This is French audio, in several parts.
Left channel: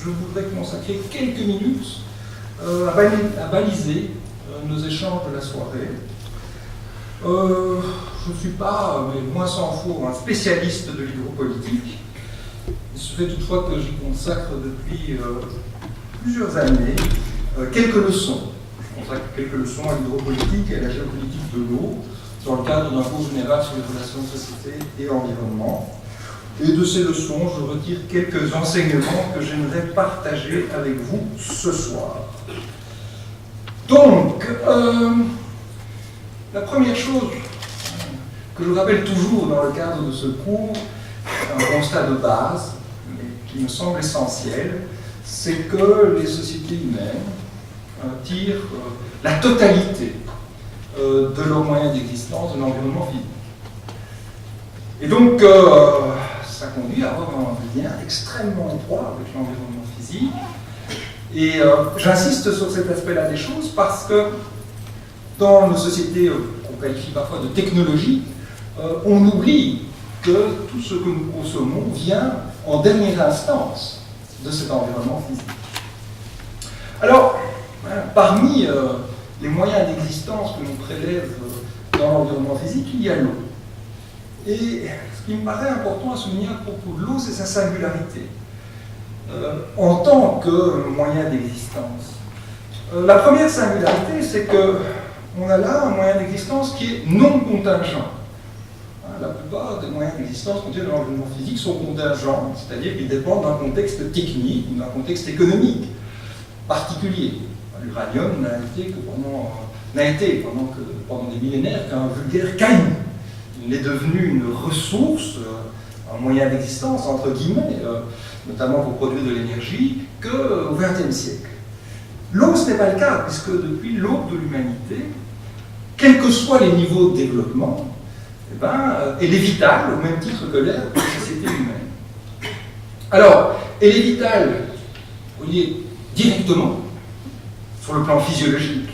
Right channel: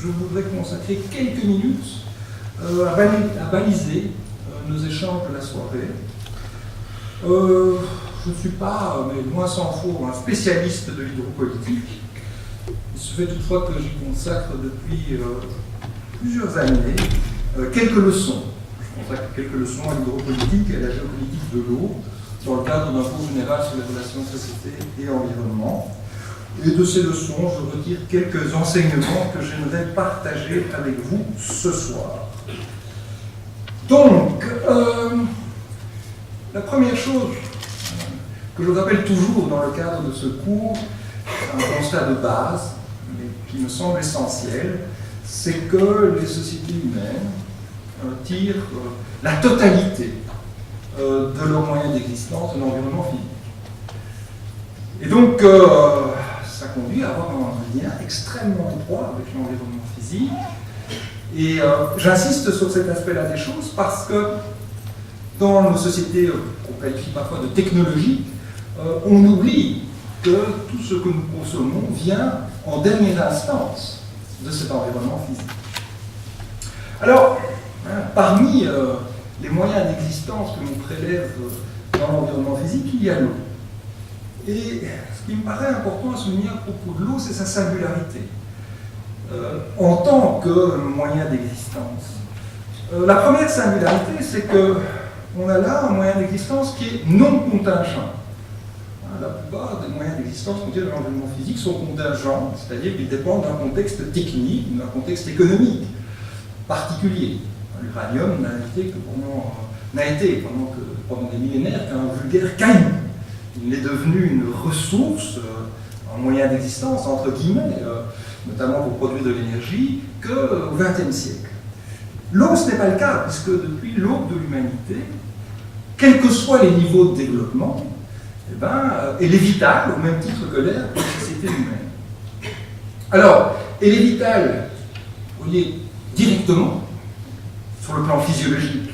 je voudrais consacrer quelques minutes à baliser nos échanges de la soirée. Je ne suis pas, mais loin s'en faut, un spécialiste de l'hydropolitique. Il se fait toutefois que j'y consacre depuis plusieurs années quelques leçons. Je consacre quelques leçons à l'hydropolitique et à la géopolitique de l'eau dans le cadre d'un cours général sur les relations de société et environnement. Et de ces leçons, je retire quelques enseignements que j'aimerais partager avec vous ce soir. Donc, la première chose que je rappelle toujours dans le cadre de ce cours, un constat de base, mais qui me semble essentiel, c'est que les sociétés humaines tirent la totalité de leurs moyens d'existence de l'environnement physique. Et donc, ça conduit à avoir un lien extrêmement étroit avec l'environnement physique. Et j'insiste sur cet aspect-là des choses parce que dans nos sociétés qu'on qualifie parfois de technologiques, on oublie que tout ce que nous consommons vient en dernière instance de cet environnement physique. Alors, parmi les moyens d'existence que l'on prélève dans l'environnement physique, il y a l'eau. Et ce qui me paraît important à souligner à propos de l'eau, c'est sa singularité en tant que moyen d'existence. La première singularité, c'est qu'on a là un moyen d'existence qui est non contingent. La plupart des moyens d'existence qu'on tient dans l'environnement physique sont contingents, c'est-à-dire qu'ils dépendent d'un contexte technique, d'un contexte économique particulier. L'uranium n'a été pendant des millénaires qu'un vulgaire caillou. Il est devenu une ressource, un moyen d'existence, entre guillemets, notamment pour produire de l'énergie, qu'au XXe siècle. L'eau, ce n'est pas le cas, puisque depuis l'aube de l'humanité, quels que soient les niveaux de développement, elle est vitale, au même titre que l'air, pour la société humaine. Alors, elle est vitale, vous voyez, directement, sur le plan physiologique,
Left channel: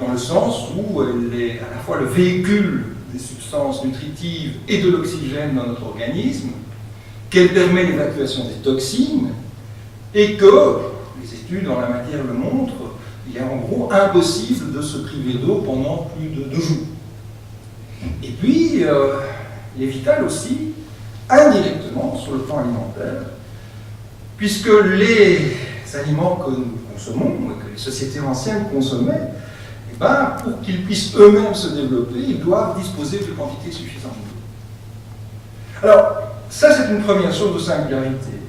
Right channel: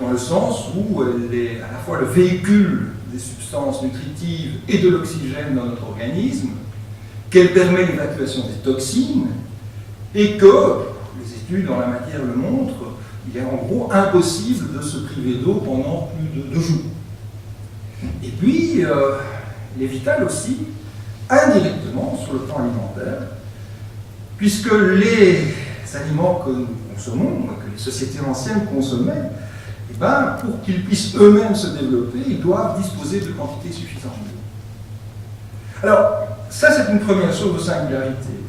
dans le sens où elle est à la fois le véhicule des substances nutritives et de l'oxygène dans notre organisme, qu'elle permet l'évacuation des toxines, et que, les études en la matière le montrent, il est en gros impossible de se priver d'eau pendant plus de 2 jours. Et puis, il est vital aussi, indirectement, sur le plan alimentaire, puisque les aliments que nous consommons, que les sociétés anciennes consommaient, pour qu'ils puissent eux-mêmes se développer, ils doivent disposer de quantités suffisantes d'eau. Alors, ça c'est une première source de singularité.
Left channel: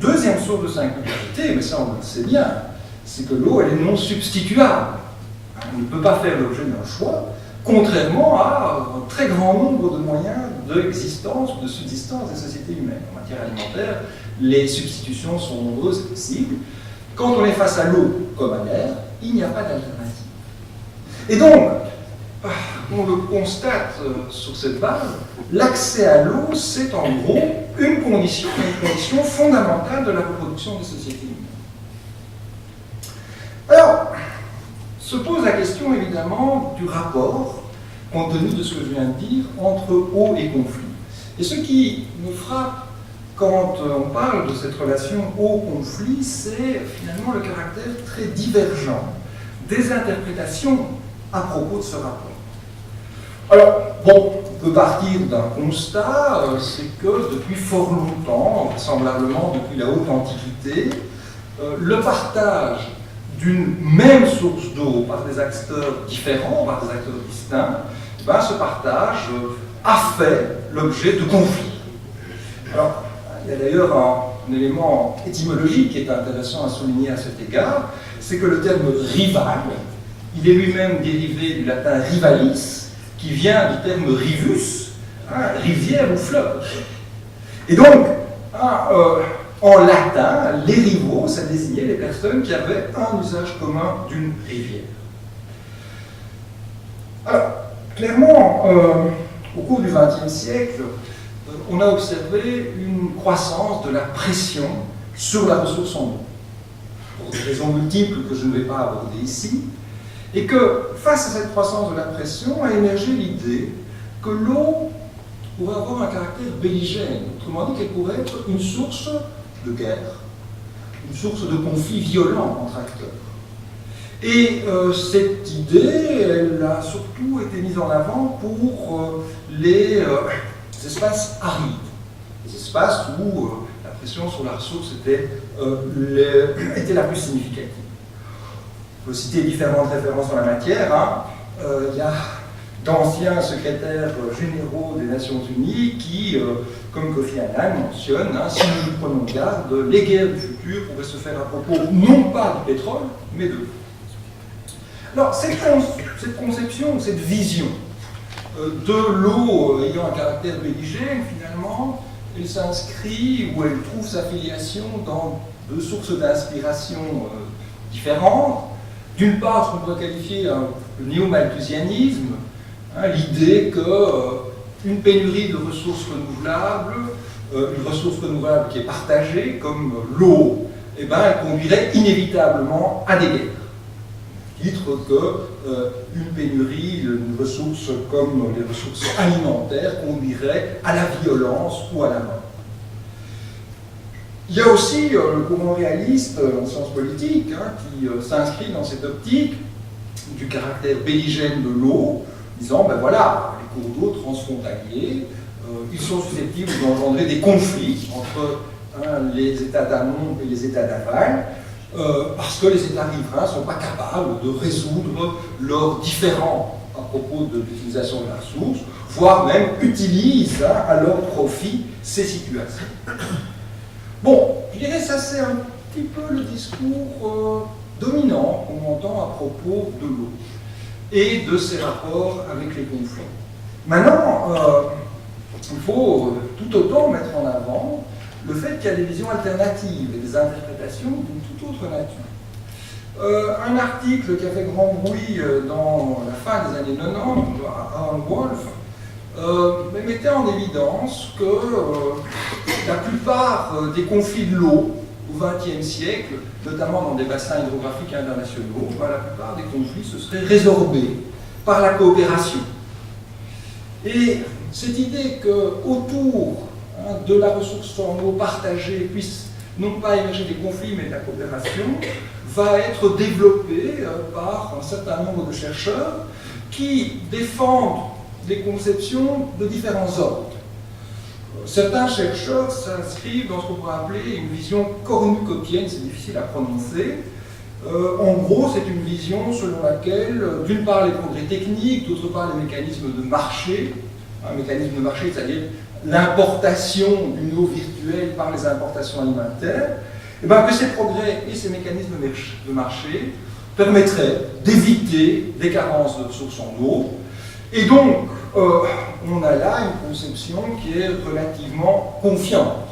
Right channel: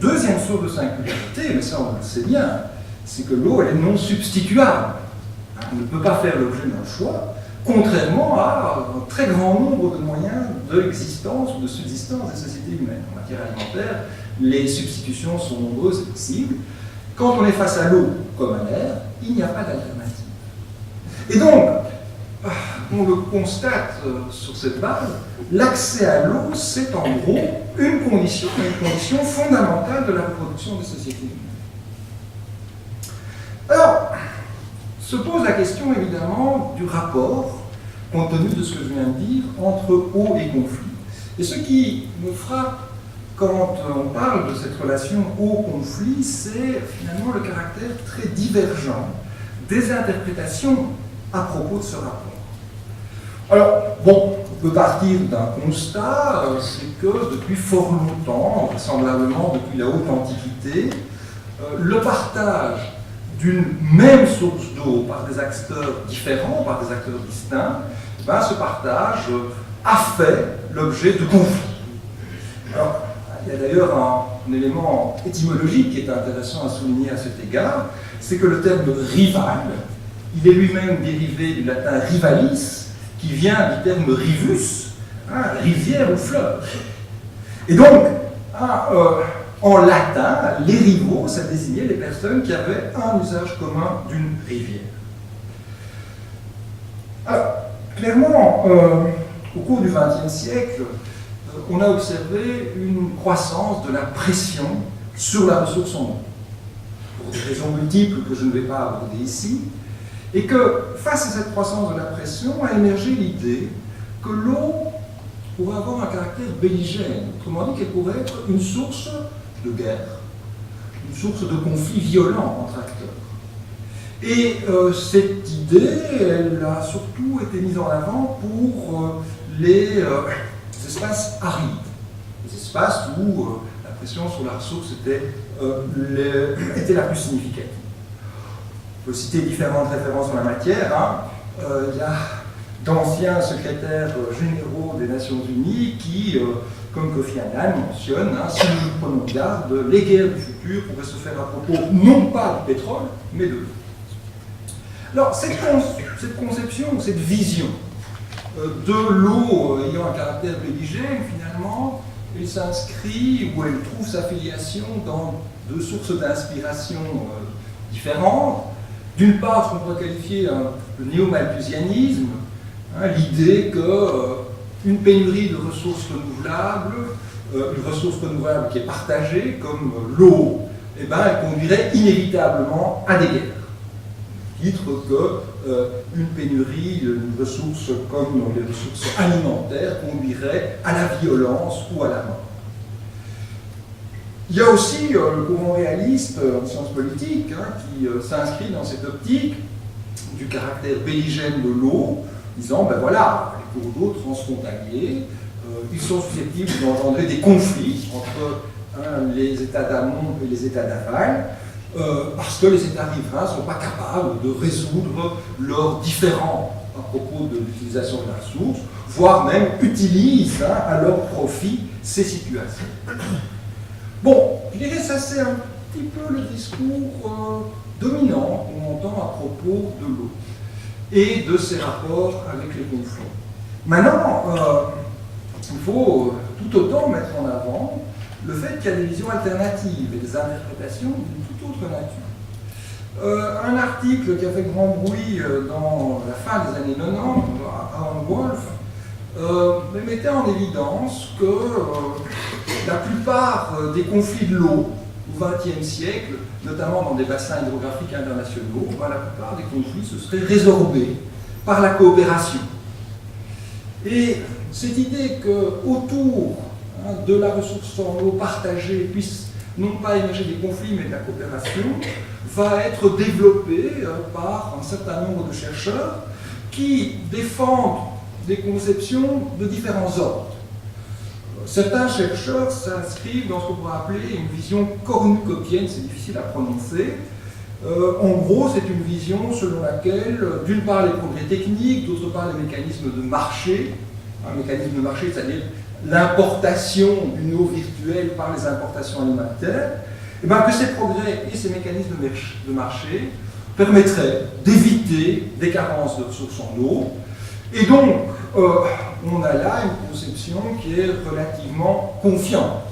Deuxième source de singularité, mais ça on le sait bien, c'est que l'eau elle est non substituable. On ne peut pas faire l'objet d'un choix, contrairement à un très grand nombre de moyens d'existence ou de subsistance des sociétés humaines. En matière alimentaire, les substitutions sont nombreuses et possibles. Quand on est face à l'eau comme à l'air, il n'y a pas d'alternative. Et donc, on le constate sur cette base, l'accès à l'eau, c'est en gros une condition fondamentale de la reproduction des sociétés humaines. Alors, se pose la question évidemment du rapport, compte tenu de ce que je viens de dire, entre eau et conflit. Et ce qui me frappe quand on parle de cette relation eau-conflit, c'est finalement le caractère très divergent des interprétations à propos de ce rapport. Alors, bon, on peut partir d'un constat, c'est que depuis fort longtemps, vraisemblablement depuis la haute antiquité, le partage d'une même source d'eau par des acteurs différents, par des acteurs distincts, ce partage a fait l'objet de conflits. Alors, il y a d'ailleurs un élément étymologique qui est intéressant à souligner à cet égard, c'est que le terme rival, il est lui-même dérivé du latin rivalis, qui vient du terme rivus, rivière ou fleuve. Et donc, en latin, les rivaux, ça désignait les personnes qui avaient un usage commun d'une rivière. Alors, clairement, au cours du XXe siècle, on a observé une croissance de la pression sur la ressource en eau, pour des raisons multiples que je ne vais pas aborder ici, et que face à cette croissance de la pression a émergé l'idée que l'eau pourrait avoir un caractère belligène, autrement dit qu'elle pourrait être une source de guerre, une source de conflits violents entre acteurs. Et cette idée, elle a surtout été mise en avant pour les espaces arides, les espaces où la pression sur la ressource était la plus significative. Il faut citer différentes références en la matière. Il y a d'anciens secrétaires généraux des Nations Unies qui, comme Kofi Annan, mentionnent, si nous prenons garde, les guerres du futur pourraient se faire à propos non pas du pétrole, mais de l'eau. Alors, cette conception, cette vision de l'eau ayant un caractère belligène, finalement, elle s'inscrit ou elle trouve sa filiation dans deux sources d'inspiration différentes. D'une part, ce qu'on pourrait qualifier le néo-malthusianisme, l'idée qu'une pénurie de ressources renouvelables, une ressource renouvelable qui est partagée, comme l'eau, elle conduirait inévitablement à des guerres. Titre qu'une pénurie, une ressource comme les ressources alimentaires conduirait à la violence ou à la mort. Il y a aussi le courant réaliste en sciences politiques qui s'inscrit dans cette optique du caractère belligène de l'eau, disant, ben voilà, les cours d'eau transfrontaliers, ils sont susceptibles d'engendrer des conflits entre les États d'amont et les États d'aval, parce que les États riverains ne sont pas capables de résoudre leurs différends à propos de l'utilisation de la ressource, voire même utilisent à leur profit ces situations. Bon, je dirais que ça c'est un petit peu le discours dominant qu'on entend à propos de l'eau et de ses rapports avec les conflits. Maintenant, il faut tout autant mettre en avant le fait qu'il y a des visions alternatives et des interprétations d'une toute autre nature. Un article qui a fait grand bruit dans la fin des années 90, Aaron Wolf, mettait en évidence que la plupart des conflits de l'eau au XXe siècle, notamment dans des bassins hydrographiques internationaux, la plupart des conflits se seraient résorbés par la coopération. Et cette idée qu'autour de la ressource en eau partagée puisse non pas émerger des conflits mais de la coopération, va être développée par un certain nombre de chercheurs qui défendent des conceptions de différents ordres. Certains chercheurs s'inscrivent dans ce qu'on pourrait appeler une vision cornucopienne, c'est difficile à prononcer. En gros, c'est une vision selon laquelle, d'une part, les progrès techniques, d'autre part, les mécanismes de marché, un mécanisme de marché, c'est-à-dire l'importation d'une eau virtuelle par les importations alimentaires, et que ces progrès et ces mécanismes de marché permettraient d'éviter des carences de ressources en eau. Et donc, on a là une conception qui est relativement confiante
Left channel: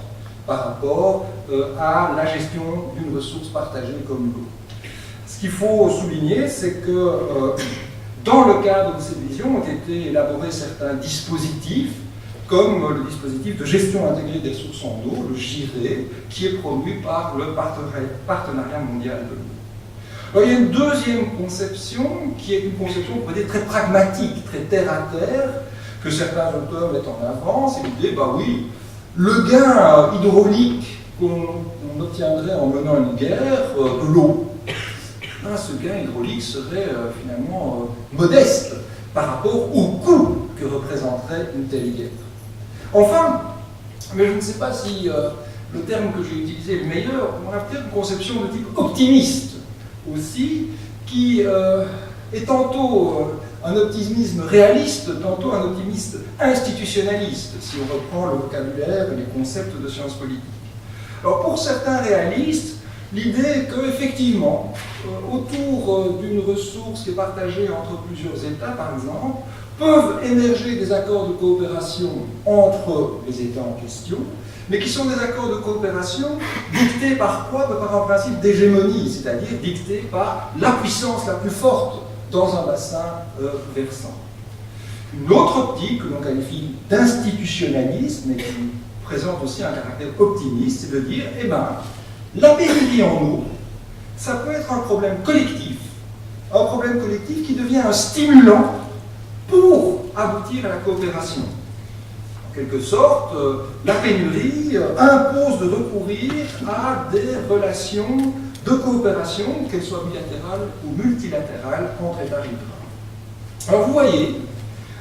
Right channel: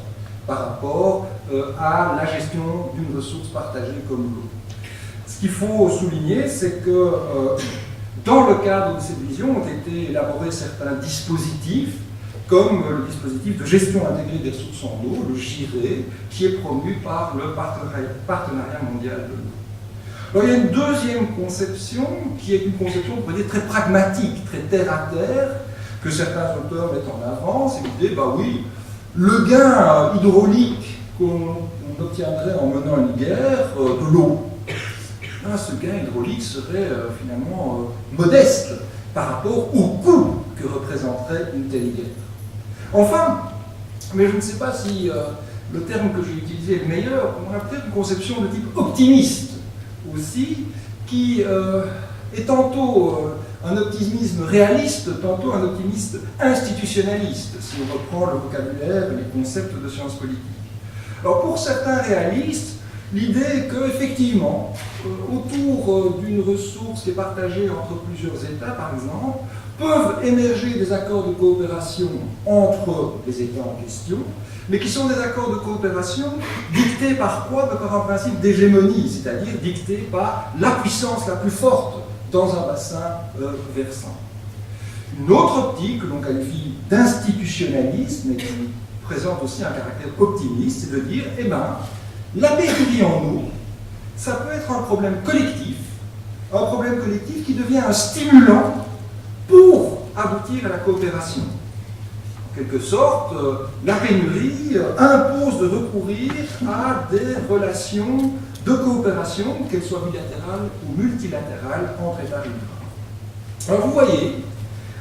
par rapport à la gestion d'une ressource partagée comme l'eau. Ce qu'il faut souligner, c'est que dans le cadre de cette vision ont été élaborés certains dispositifs, comme le dispositif de gestion intégrée des ressources en eau, le GIRE, qui est promu par le Partenariat mondial de l'eau. Alors, il y a une deuxième conception, qui est une conception, on pourrait dire, très pragmatique, très terre-à-terre, que certains auteurs mettent en avant, c'est l'idée, oui, le gain hydraulique qu'on obtiendrait en menant une guerre, de l'eau, ce gain hydraulique serait finalement modeste par rapport au coût que représenterait une telle guerre. Enfin, mais je ne sais pas si le terme que j'ai utilisé est le meilleur, on a peut-être une conception de type optimiste aussi, qui est tantôt un optimisme réaliste, tantôt un optimisme institutionnaliste, si on reprend le vocabulaire et les concepts de sciences politiques. Alors pour certains réalistes, l'idée est qu'effectivement, autour d'une ressource qui est partagée entre plusieurs États, par exemple, peuvent émerger des accords de coopération entre les États en question, mais qui sont des accords de coopération dictés par quoi? Par un principe d'hégémonie, c'est-à-dire dictés par la puissance la plus forte dans un bassin versant. Une autre optique que l'on qualifie d'institutionnalisme et qui présente aussi un caractère optimiste, c'est de dire, la pénurie en eau, ça peut être un problème collectif qui devient un stimulant pour aboutir à la coopération. En quelque sorte, la pénurie impose de recourir à des relations de coopération, qu'elles soient bilatérales ou multilatérales, entre États riverains. Alors vous voyez,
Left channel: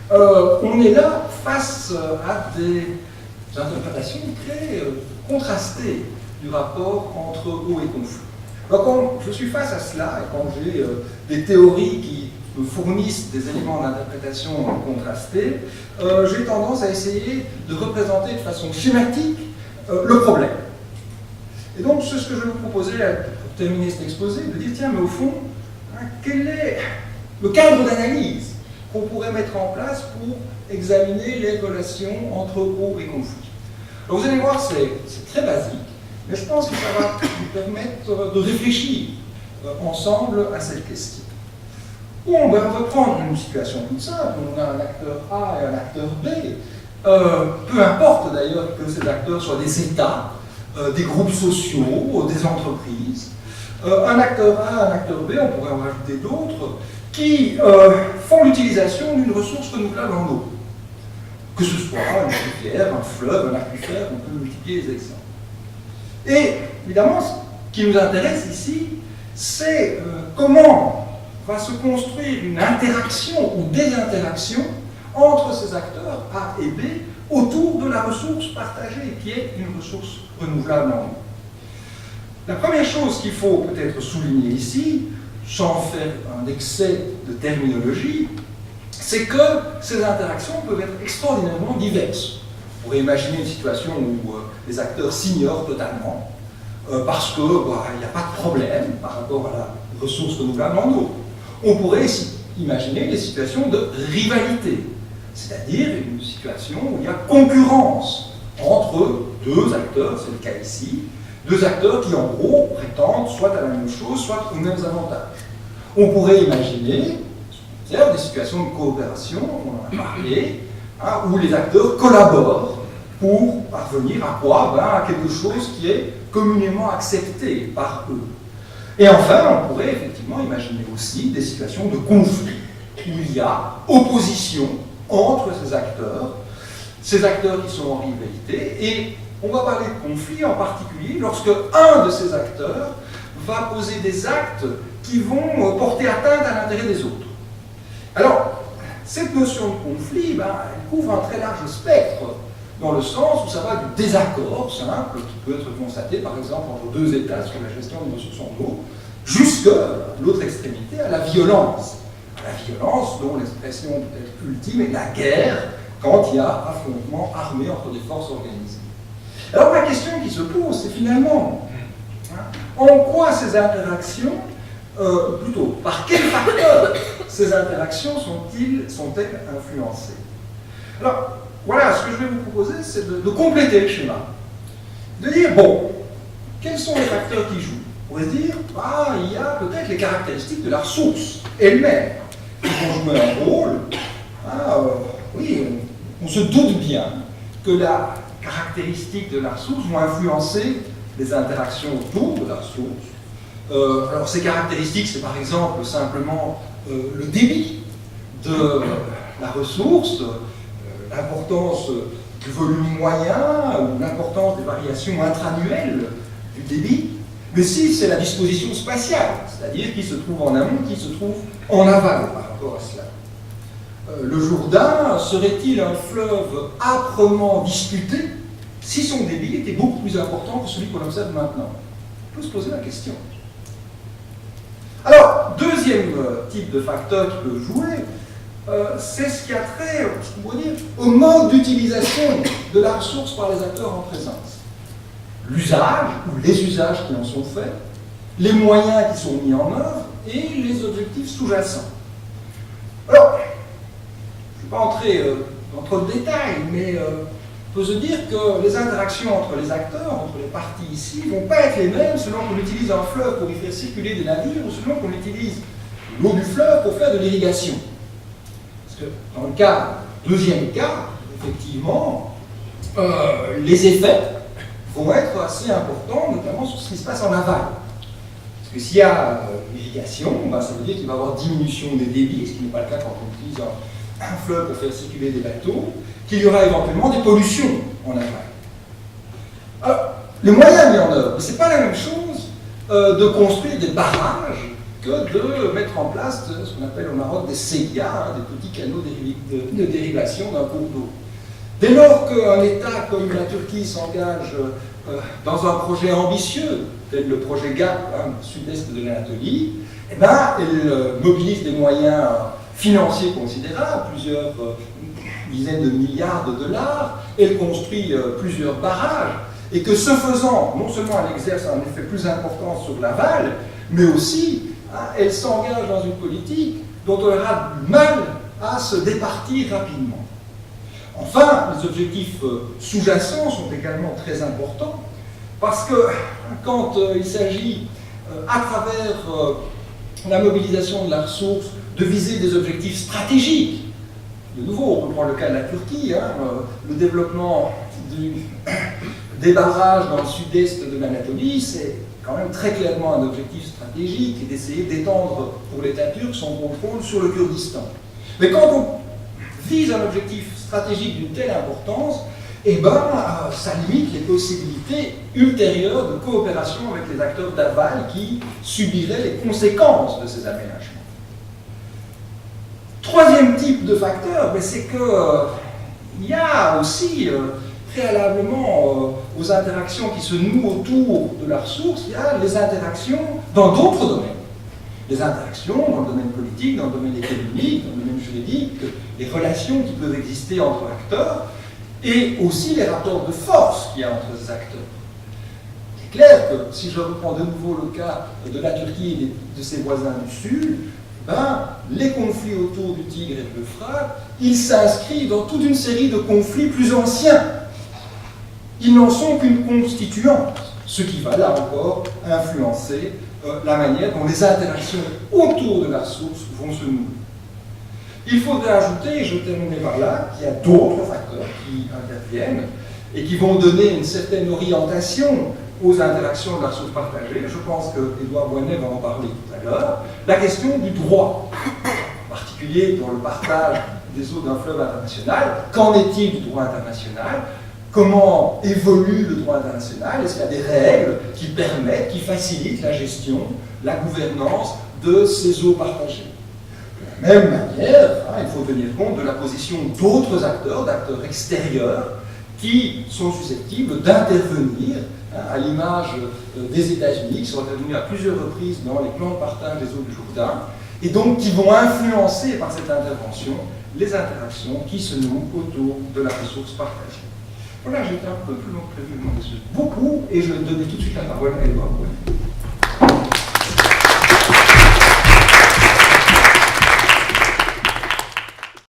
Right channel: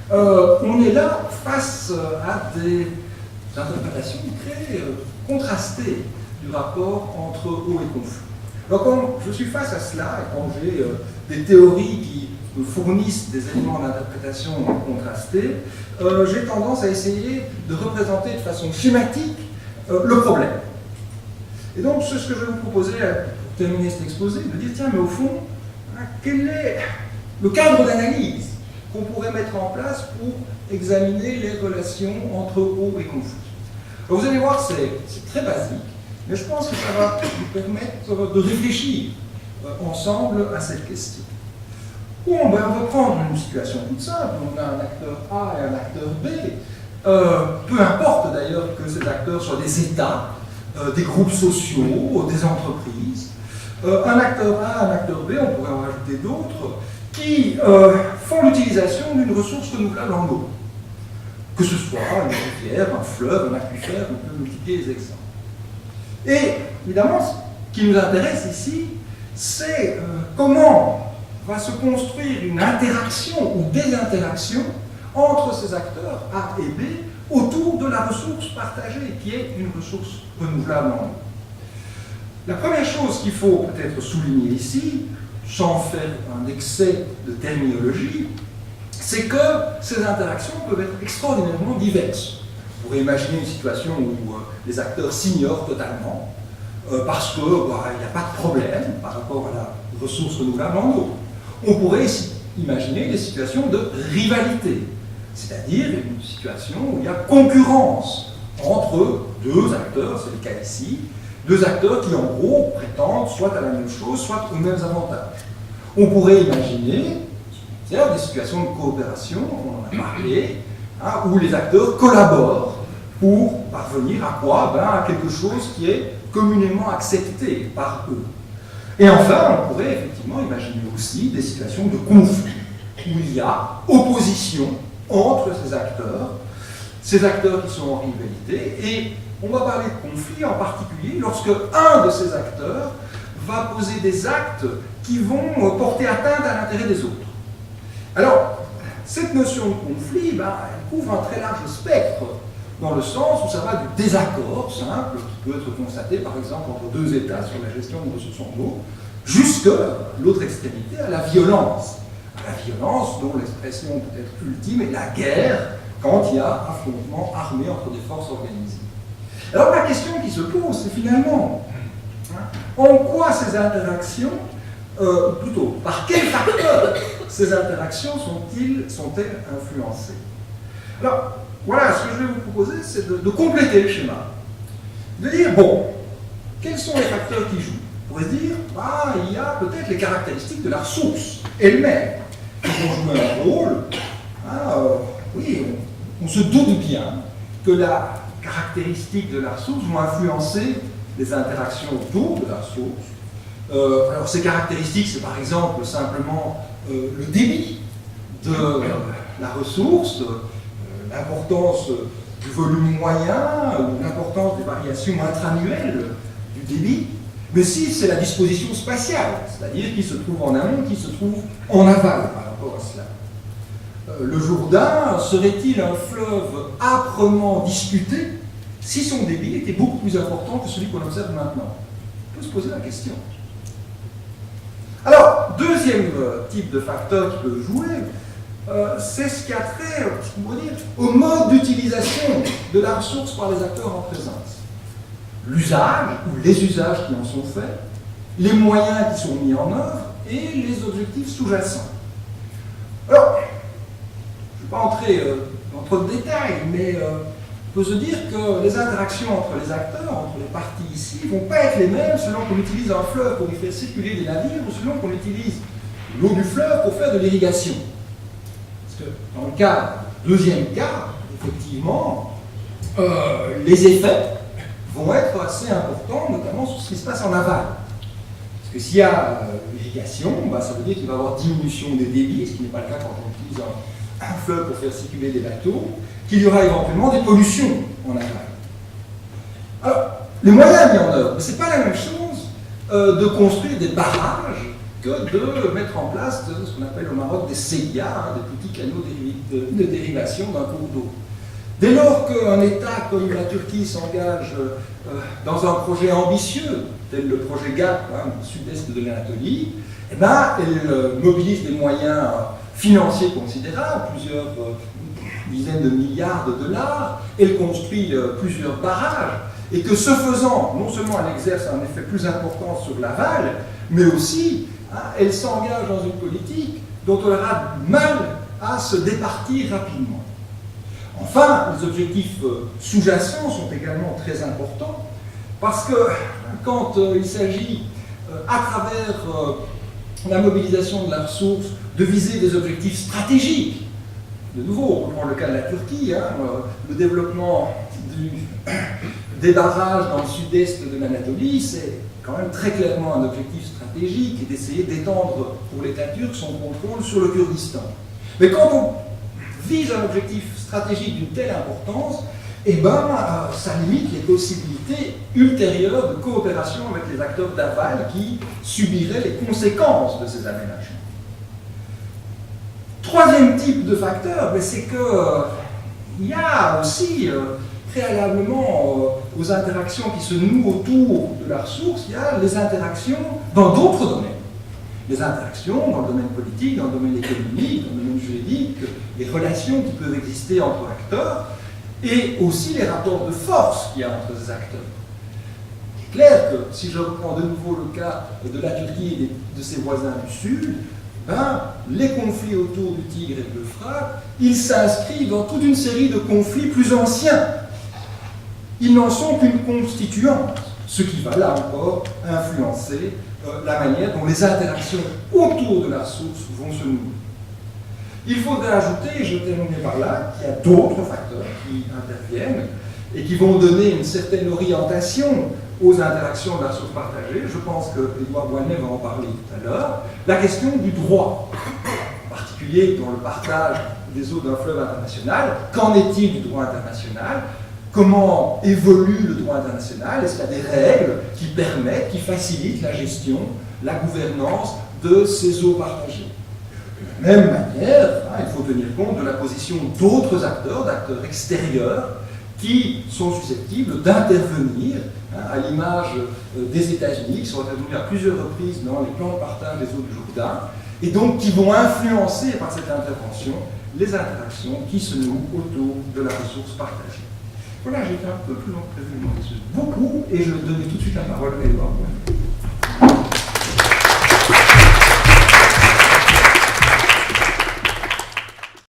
on est là face à des interprétations très contrastées du rapport entre eau et conflit. Alors quand je suis face à cela, et quand j'ai des théories qui me fournissent des éléments d'interprétation contrastés, j'ai tendance à essayer de représenter de façon schématique le problème. Et donc c'est ce que je vais vous proposer pour terminer cet exposé, de dire tiens, mais au fond, hein, quel est le cadre d'analyse qu'on pourrait mettre en place pour examiner les relations entre eau et conflit. Alors vous allez voir, c'est très basique, mais je pense que ça va nous permettre de réfléchir ensemble à cette question. Bon, ben, on va prendre une situation toute simple, on a un acteur A et un acteur B, peu importe d'ailleurs que ces acteurs soient des États, des groupes sociaux, des entreprises. Un acteur A, un acteur B, on pourrait en rajouter d'autres, qui font l'utilisation d'une ressource renouvelable en eau. Que ce soit une rivière, un fleuve, un aquifère, on peut multiplier les exemples. Et évidemment, ce qui nous intéresse ici, c'est comment va se construire une interaction ou des interactions entre ces acteurs A et B autour de la ressource partagée, qui est une ressource renouvelable en eau. La première chose qu'il faut peut-être souligner ici, sans faire un excès de terminologie, c'est que ces interactions peuvent être extraordinairement diverses. On pourrait imaginer une situation où les acteurs s'ignorent totalement, parce qu'il n'y a pas de problème par rapport à la ressource renouvelable en eau. On pourrait imaginer des situations de rivalité, c'est-à-dire une situation où il y a concurrence entre deux acteurs, c'est le cas ici, deux acteurs qui en gros prétendent soit à la même chose, soit aux mêmes avantages. On pourrait imaginer des situations de coopération, on en a parlé, hein, où les acteurs collaborent pour parvenir à quoi? À quelque chose qui est communément accepté par eux. Et enfin, on pourrait effectivement imaginer aussi des situations de conflit, où il y a opposition entre ces acteurs qui sont en rivalité, et on va parler de conflit en particulier lorsque un de ces acteurs va poser des actes qui vont porter atteinte à l'intérêt des autres. Alors, cette notion de conflit, elle couvre un très large spectre, dans le sens où ça va du désaccord simple, qui peut être constaté par exemple entre deux États sur la gestion des ressources en eau, jusqu'à l'autre extrémité, à la violence. À la violence dont l'expression peut-être ultime est la guerre, quand il y a affrontement armé entre des forces organisées. Alors la question qui se pose, c'est finalement, en quoi ces interactions, plutôt, par quels facteurs ces interactions sont-elles influencées? Alors, voilà, ce que je vais vous proposer, c'est de compléter le schéma. De dire, bon, quels sont les facteurs qui jouent? On pourrait se dire, il y a peut-être les caractéristiques de la ressource elle-même qui vont jouer un rôle. Oui, on se doute bien que la caractéristique de la ressource vont influencer les interactions autour de la ressource. Alors ces caractéristiques, c'est par exemple simplement le débit de la ressource, l'importance du volume moyen ou l'importance des variations intra-annuelles du débit, mais si c'est la disposition spatiale, c'est-à-dire qui se trouve en amont, qui se trouve en aval par rapport à cela. Le Jourdain serait-il un fleuve âprement disputé si son débit était beaucoup plus important que celui qu'on observe maintenant? On peut se poser la question. Alors, deuxième type de facteur qui peut jouer, c'est ce qui a trait, on pourrait dire, au mode d'utilisation de la ressource par les acteurs en présence. L'usage, ou les usages qui en sont faits, les moyens qui sont mis en œuvre et les objectifs sous-jacents. Alors, je ne vais pas entrer dans trop de détails, mais on peut se dire que les interactions entre les acteurs, entre les parties ici, ne vont pas être les mêmes selon qu'on utilise un fleuve pour y faire circuler des navires ou selon qu'on utilise l'eau du fleuve pour faire de l'irrigation. Parce que dans le deuxième cas, effectivement, les effets vont être assez importants, notamment sur ce qui se passe en aval. Parce que s'il y a l'irrigation, ça veut dire qu'il va y avoir diminution des débits, ce qui n'est pas le cas quand on utilise un fleuve pour faire circuler des bateaux, qu'il y aura éventuellement des pollutions en aval. Alors, les moyens mis en œuvre, ce n'est pas la même chose de construire des barrages que de mettre en place ce qu'on appelle au Maroc des séguias, hein, des petits canaux de dérivation d'un cours d'eau. Dès lors qu'un État comme la Turquie s'engage dans un projet ambitieux, tel le projet GAP, hein, sud-est de l'Anatolie, eh ben, elle mobilise des moyens financiers considérables, plusieurs dizaines de milliards de dollars, elle construit plusieurs barrages, et que ce faisant, non seulement elle exerce un effet plus important sur l'aval, mais aussi elle s'engage dans une politique dont elle aura du mal à se départir rapidement. Enfin, les objectifs sous-jacents sont également très importants, parce que quand il s'agit, à travers la mobilisation de la ressource, de viser des objectifs stratégiques, de nouveau, on reprend le cas de la Turquie, hein, le développement des barrages dans le sud-est de l'Anatolie, c'est quand même très clairement un objectif stratégique et d'essayer d'étendre pour l'État turc son contrôle sur le Kurdistan. Mais quand on vise un objectif stratégique d'une telle importance, eh ben, ça limite les possibilités ultérieures de coopération avec les acteurs d'aval qui subiraient les conséquences de ces aménagements. Troisième type de facteur, c'est qu'il y a aussi, préalablement aux interactions qui se nouent autour de la ressource, il y a les interactions dans d'autres domaines. Les interactions dans le domaine politique, dans le domaine économique, dans le domaine juridique, les relations qui peuvent exister entre acteurs, et aussi les rapports de force qu'il y a entre ces acteurs. Il est clair que, si je reprends de nouveau le cas de la Turquie et de ses voisins du Sud, ben, les conflits autour du Tigre et de l'Euphrate, ils s'inscrivent dans toute une série de conflits plus anciens. Ils n'en sont qu'une constituante, ce qui va là encore influencer la manière dont les interactions autour de la ressource vont se nouer. Il faudrait ajouter, et je terminerai par là, qu'il y a d'autres facteurs qui interviennent et qui vont donner une certaine orientation aux interactions de la ressource partagée. Je pense que Édouard Boinet va en parler tout à l'heure. La question du droit, en particulier dans le partage des eaux d'un fleuve international. Qu'en est-il du droit international? Comment évolue le droit international? Est-ce qu'il y a des règles qui permettent, qui facilitent la gestion, la gouvernance de ces eaux partagées? De la même manière, il faut tenir compte de la position d'autres acteurs, d'acteurs extérieurs, qui sont susceptibles d'intervenir, à l'image des États-Unis, qui sont intervenus à plusieurs reprises dans les plans de partage des eaux du Jourdain, et donc qui vont influencer par cette intervention les interactions qui se nouent autour de la ressource partagée. Voilà, j'étais un peu plus long que prévu, beaucoup, et je donnais tout de suite la parole à Édouard Boinet.